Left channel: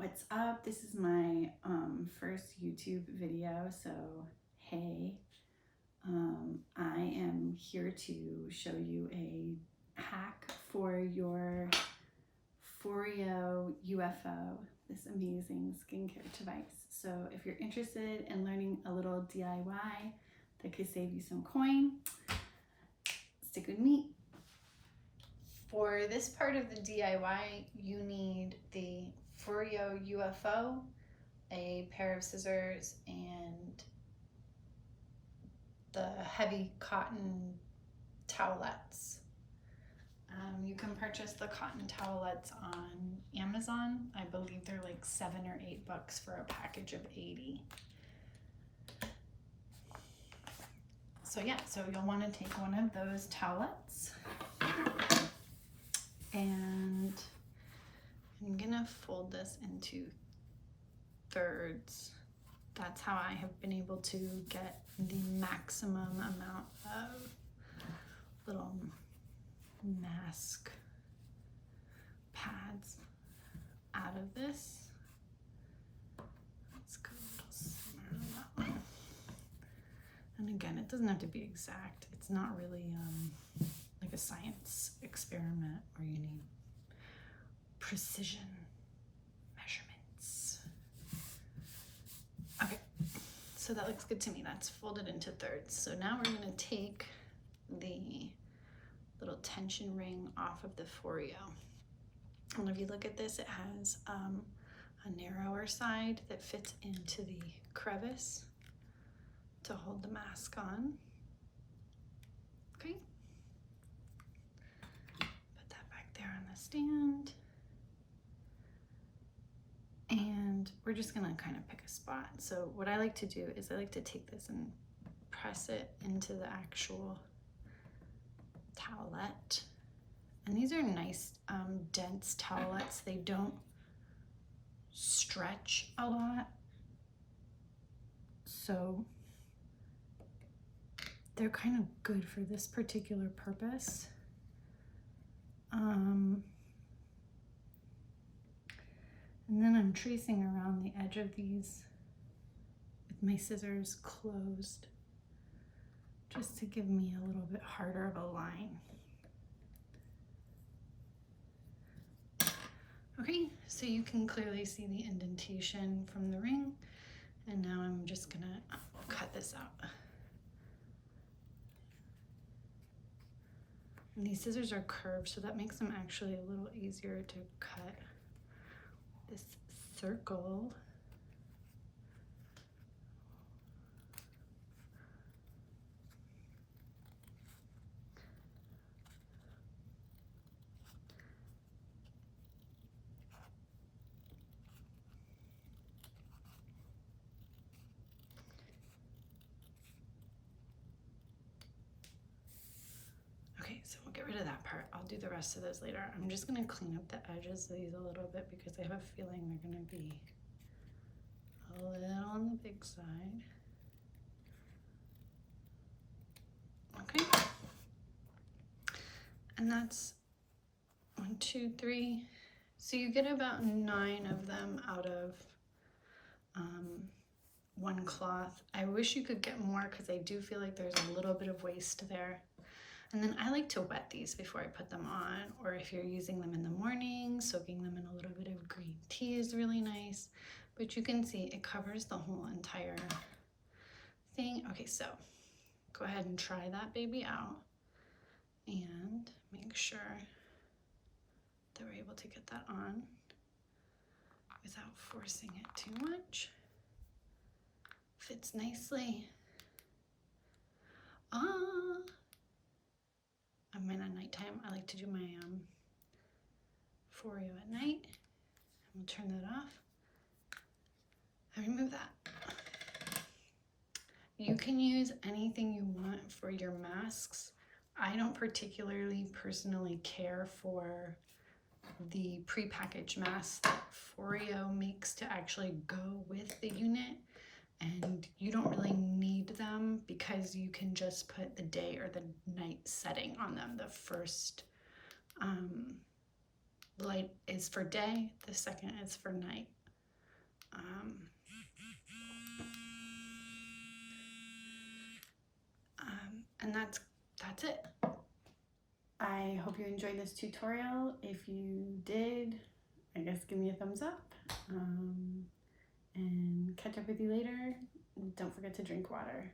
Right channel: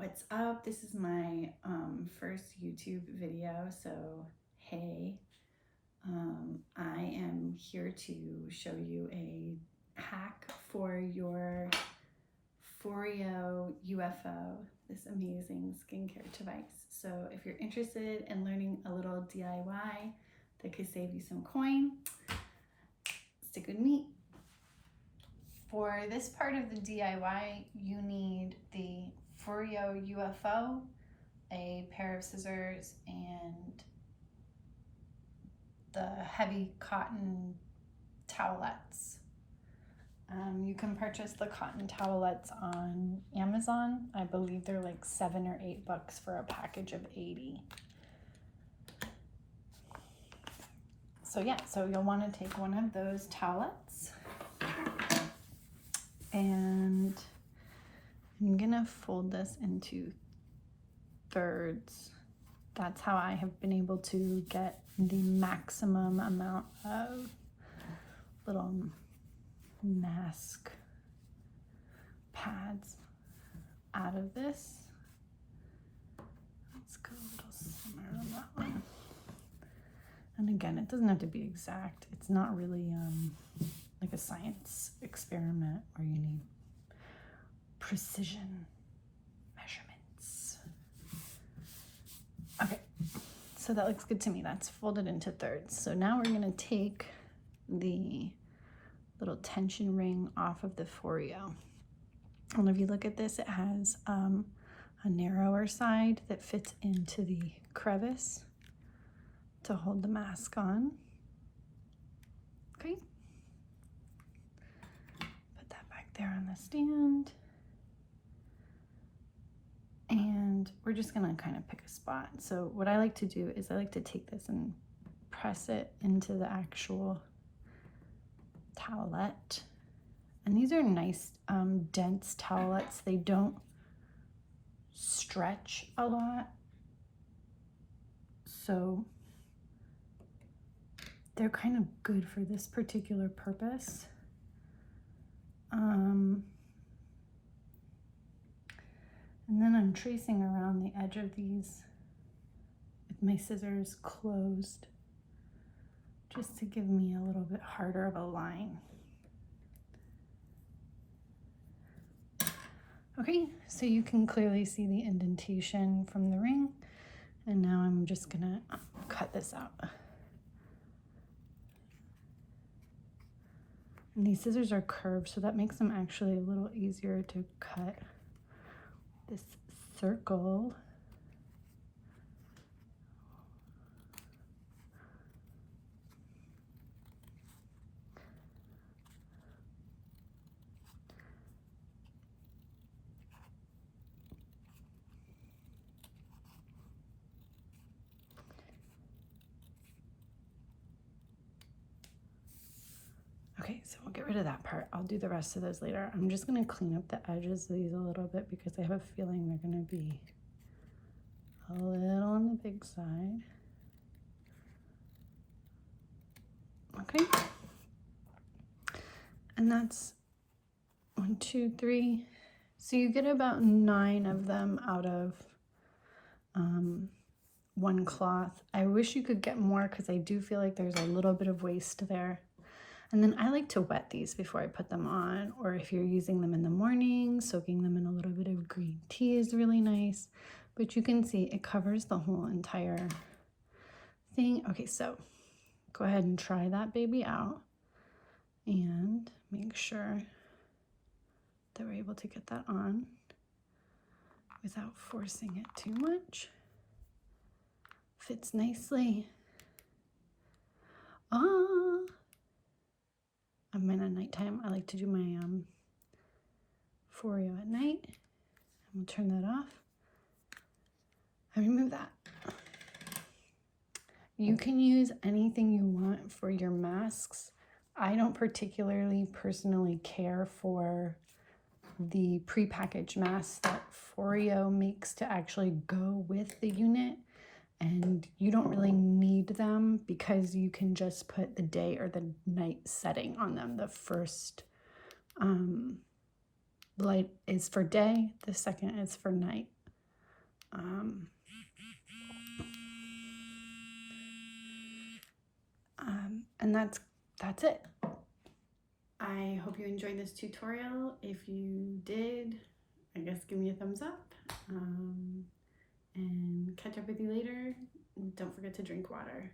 What's up? This is my first YouTube video, so hey, I am here to show you a hack for your Foreo UFO, this amazing skincare device. So if you're interested in learning a little DIY that could save you some coin, stick with me. For this part of the DIY, you need the Foreo UFO, a pair of scissors, and the heavy cotton towelettes. You can purchase the cotton towelettes on Amazon. I believe they're like $7 or $8 for a package of 80. So yeah, so you'll want to take one of those towelettes, and I'm gonna fold this into thirds. That's how I have been able to get the maximum amount of little mask pads out of this. Let's go a little slimmer on that one. And again, it doesn't have to be exact. It's not really like a science experiment where you need precision measurements. Okay, so that looks good to me. That's folded into thirds. So now we're gonna take the little tension ring off of the Foreo. And if you look at this, it has a narrower side that fits into the crevice to hold the mask on. Okay, put that back there on the stand. And we're just gonna kind of pick a spot. So what I like to do is I like to take this and press it into the actual towelette. And these are nice dense towelettes. They don't stretch a lot. So they're kind of good for this particular purpose. And then I'm tracing around the edge of these with my scissors closed, just to give me a little bit harder of a line. Okay, so you can clearly see the indentation from the ring, and now I'm just gonna cut this out. And these scissors are curved, so that makes them actually a little easier to cut this circle. Okay, so we'll get rid of that part. I'll do the rest of those later. I'm just gonna clean up the edges of these a little bit because I have a feeling they're gonna be a little on the big side. Okay, and that's 1, 2, 3. So you get about 9 of them out of one cloth. I wish you could get more because I do feel like there's a little bit of waste there. And then I like to wet these before I put them on, or if you're using them in the morning, soaking them in a little bit of green tea is really nice. But you can see it covers the whole entire thing. Okay, so go ahead and try that baby out and make sure that we're able to get that on without forcing it too much. Fits nicely. I'm in at nighttime. I like to do my Foreo at night. We'll turn that off and remove that. You can use anything you want for your masks. I don't particularly personally care for the prepackaged masks that Foreo makes to actually go with the unit, and you don't really need them because you can just put the day or the night setting on them. The first light is for day, the second is for night. And that's it. I hope you enjoyed this tutorial. If you did, I guess give me a thumbs up, and catch up with you later. Don't forget to drink water.